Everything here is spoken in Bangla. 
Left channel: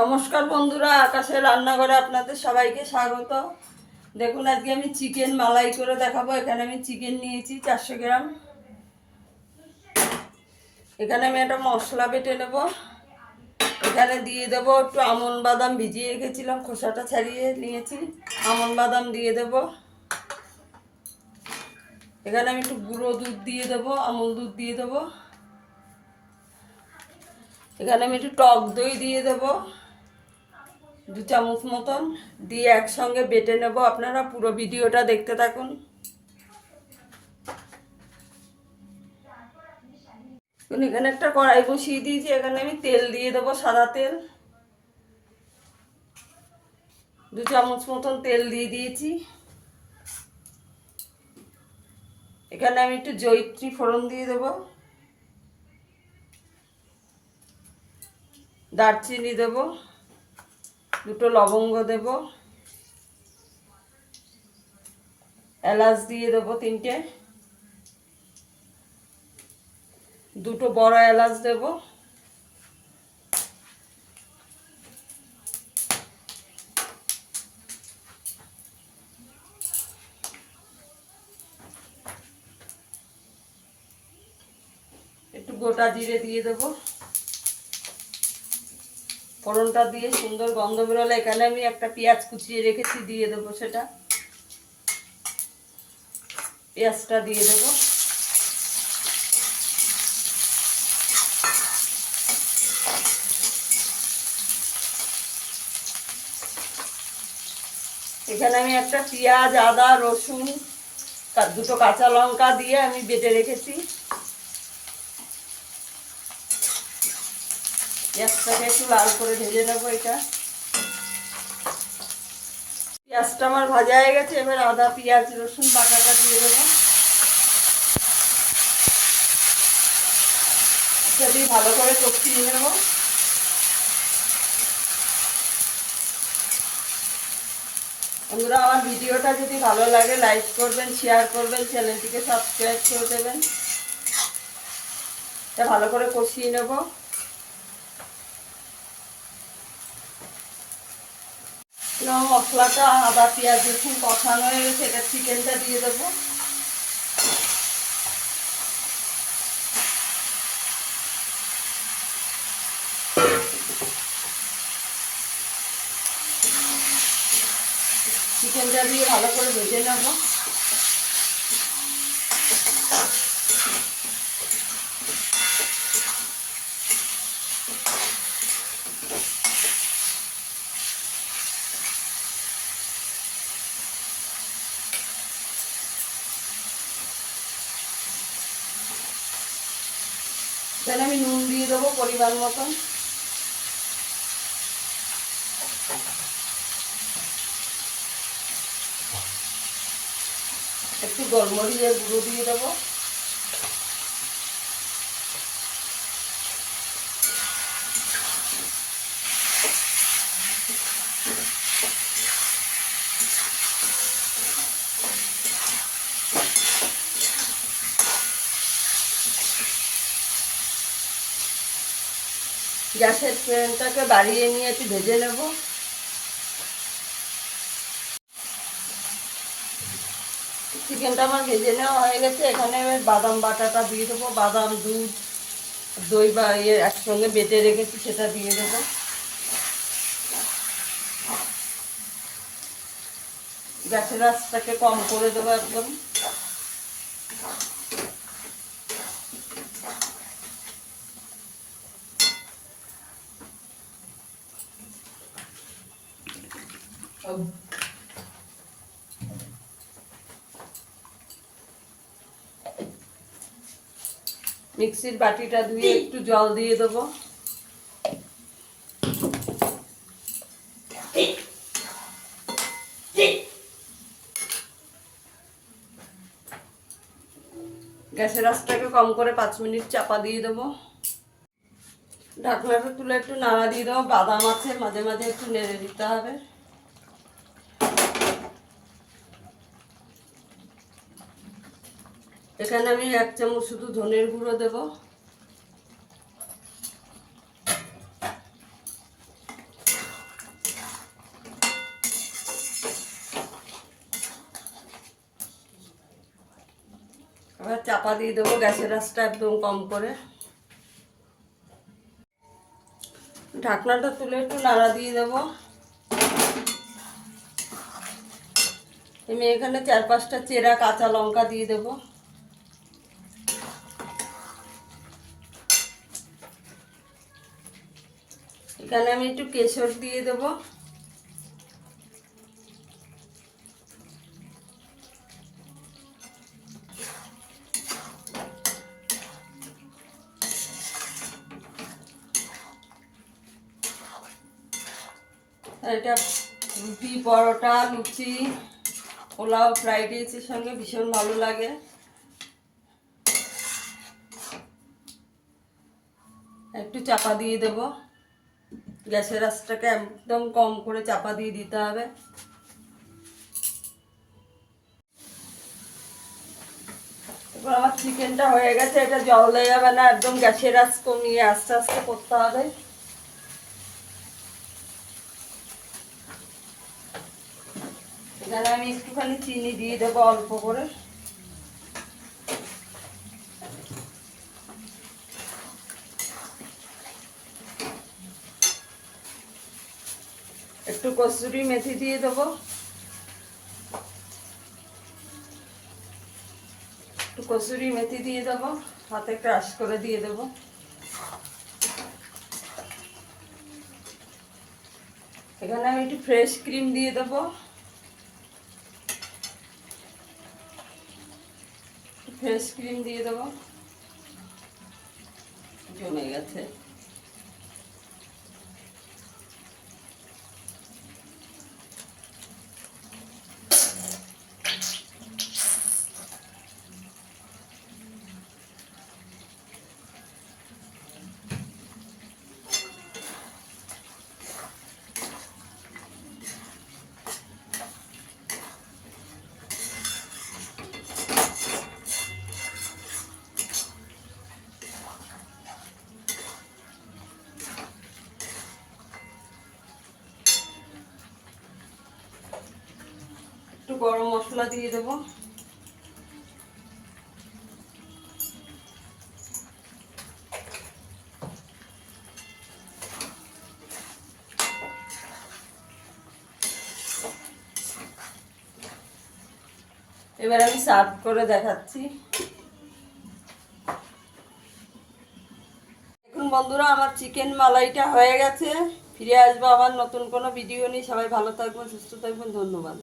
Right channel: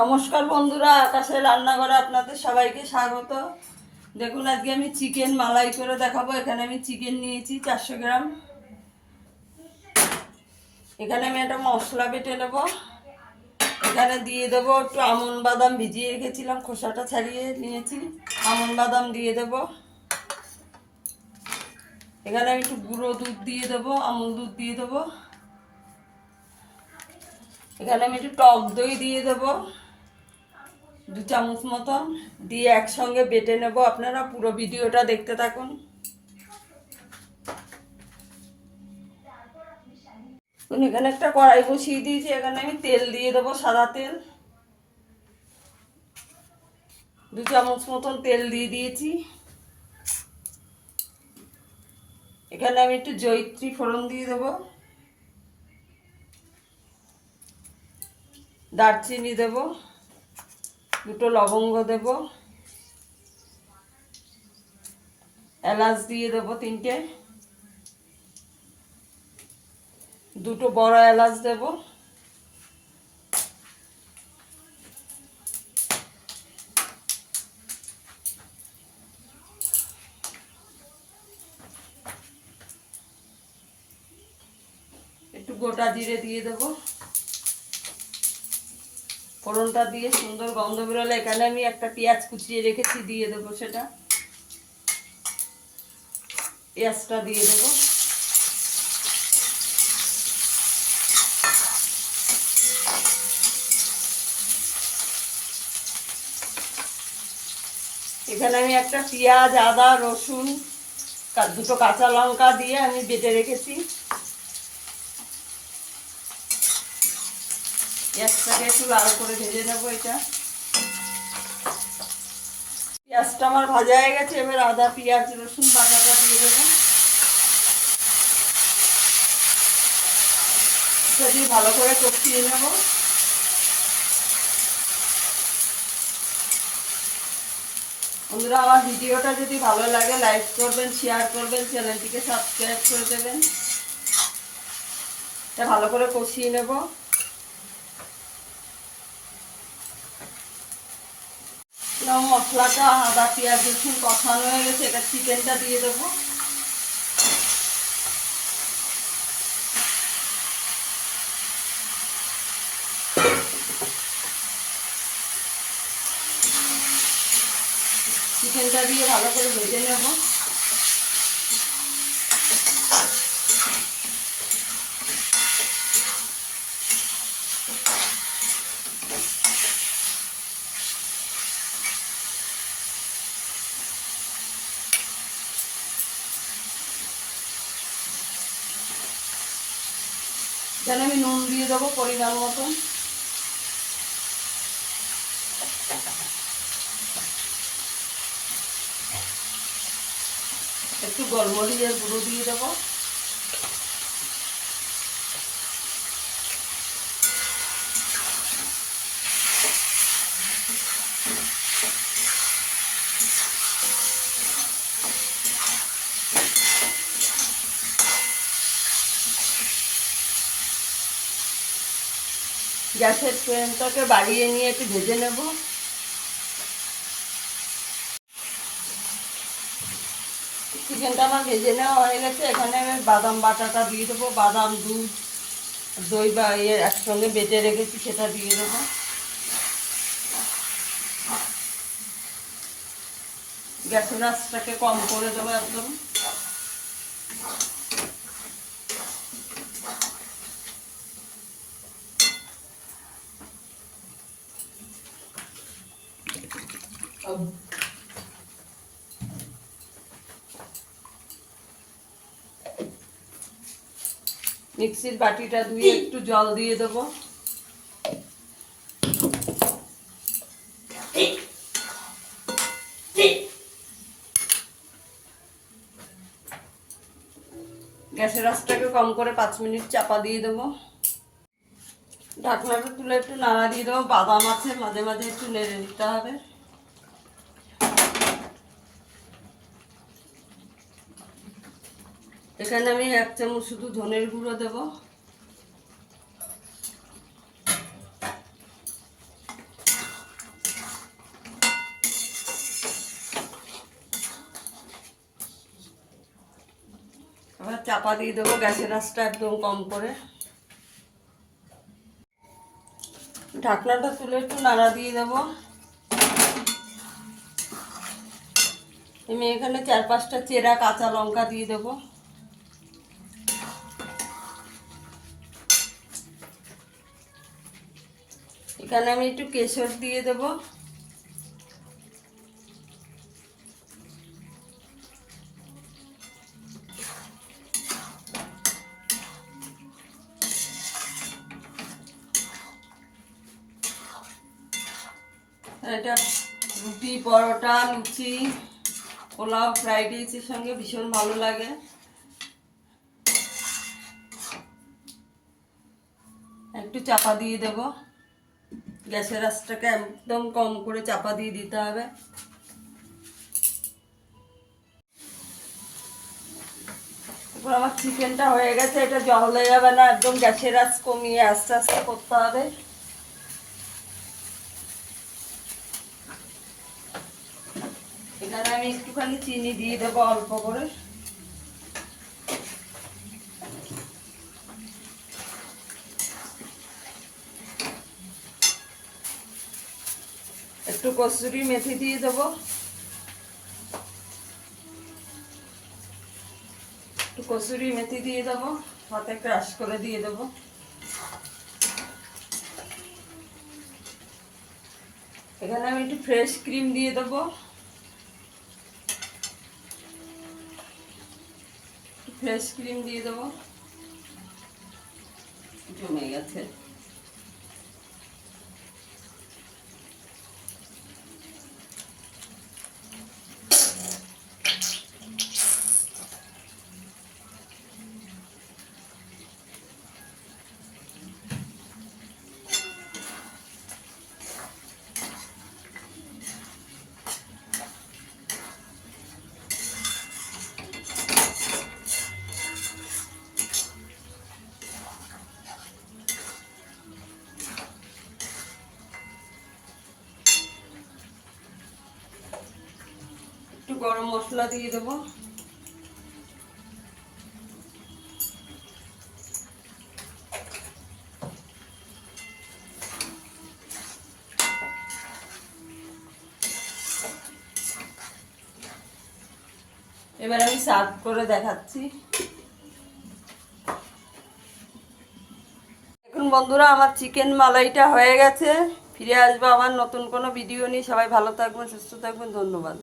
নমস্কার বন্ধুরা, আকাশের রান্নাঘরে আপনাদের সবাইকে স্বাগত। দেখুন, আজকে আমি চিকেন মালাই করে দেখাবো। এখানে আমি চিকেন নিয়েছি 400 গ্রাম। এখানে আমি একটা মশলা বেটে নেব। এখানে দিয়ে দেবো একটু আমন্ড বাদাম, ভিজিয়ে রেখেছিলাম, খোসাটা ছাড়িয়ে নিয়েছি। আমন্ড বাদাম দিয়ে দেব। এখানে আমি একটু গুঁড়ো দুধ দিয়ে দেবো, আমুল দুধ দিয়ে দেবো। এখানে আমি একটু টক দই দিয়ে দেবো 2 চামচ মতন, দিয়ে একসঙ্গে বেটে নেব। আপনারা পুরো ভিডিওটা দেখতে থাকুন। এখানে একটা কড়াই বসিয়ে দিয়েছি। এখানে আমি তেল দিয়ে দেবো, সাদা তেল 2 চামচ মতন তেল দিয়ে দিয়েছি। এখানে আমি একটু জয়িত্রী ফোড়ন দিয়ে দেবো, দারচিনি দেবো, 2টো লবঙ্গ দেব, এলাচ দিয়ে দেবো 3টে, 2টো বড় এলাচ দেব। একটু গোটা জিরে দিয়ে দেবো। ফোড়নটা দিয়ে সুন্দর গন্ধ বেরোলে এখানে আমি একটা পেঁয়াজ কুচিয়ে রেখেছি, দিয়ে দেবো। সেটা পেঁয়াজটা দিয়ে দেবো। এখানে আমি একটা পেঁয়াজ, আদা, রসুন, 2টো কাঁচা লঙ্কা দিয়ে আমি বেটে রেখেছি। পেঁয়াজটাকে একটু লাল করে ভেজে নেবো। এটা পেঁয়াজটা আমার ভাজা হয়ে গেছে। এবার আদা, পেঁয়াজ, রসুন বাটাটা দিয়ে দেবো। এটা দিয়ে ভালো করে কষিয়ে নেবো। বন্ধুরা, আমার ভিডিওটা যদি ভালো লাগে লাইক করবেন, শেয়ার করবেন, চ্যানেলটিকে সাবস্ক্রাইব করে দেবেন। এটা ভালো করে কষিয়ে নেব। মশলাটা আদা, পেঁয়াজ, রসুন কষানো হয়ে গেছে। এটা চিকেনটা দিয়ে দেবো। চিকেনটা দিয়ে ভালো করে ভেজে নেব। এখানে আমি নুন দিয়ে দেবো পরিমাণ মতন। একটু গোলমরিচের গুঁড়ো দিয়ে দেবো। গ্যাসের ফ্লেমটাকে বাড়িয়ে নিয়ে একটু ভেজে নেব। চিকেনটা আমার ভেজে নেওয়া হয়ে গেছে। এখানে আমি বাদাম বাটাটা দিয়ে দেবো। বাদাম, দুধ, দই বা একসঙ্গে বেটে রেখেছি, সেটা দিয়ে দেবো। গ্যাসের আঁচটাকে কম করে দেবো একদম। মিক্সির বাটিটা ধুয়ে একটু জল দিয়ে দেবো। গ্যাসের আঁচটাকে কম করে 5 মিনিট চাপা দিয়ে দেবো। ঢাকনাটা তুলে একটু নাড়া দিয়ে দেবো। বাদাম আছে, মাঝে মাঝে একটু নেড়ে দিতে হবে। এখানে আমি 1 চামচ শুধু ধনের গুঁড়ো দেবো। এবার চাপা দিয়ে দেবো, গ্যাসের আঁচটা একদম কম করে। ঢাকনাটা তুলে একটু নাড়া দিয়ে দেবো। আমি এখানে 4-5টা চেরা কাঁচা লঙ্কা দিয়ে দেবো। এখানে আমি একটু কেশর দিয়ে দেবো। এটা রুটি, পরোটা, লুচি, পোলাও, ফ্রাইড রাইসের সঙ্গে ভীষণ ভালো লাগে। একটু চাপা দিয়ে দেবো, গ্যাসের আঁচটাকে একদম কম করে চাপা দিয়ে দিতে হবে। এবার আমার চিকেনটা হয়ে গেছে, এটা জলে যাবে না, একদম গ্যাসের আঁচ কমিয়ে আস্তে আস্তে করতে হবে। এখানে আমি একটুখানি চিনি দিয়ে দেবো অল্প করে। একটু কসুরি মেথি দিয়ে দেবো। একটু কসুরি মেথি দিয়ে দেবো, হাতে ক্রাশ করে দিয়ে দেবো। এখানে আমি একটু ফ্রেশ ক্রিম দিয়ে দেবো। ফ্রেশ ক্রিম দিয়ে দেবো। জমে গেছে। একটু গরম মশলা দিয়ে দেবো। এবার আমি সার্ভ করে দেখাচ্ছি। দেখুন বন্ধুরা, আমার চিকেন মালাইটা হয়ে গেছে। ফিরে আসবো আবার নতুন কোনো ভিডিও নিয়ে। সবাই ভালো থাকবেন, সুস্থ থাকবেন, ধন্যবাদ।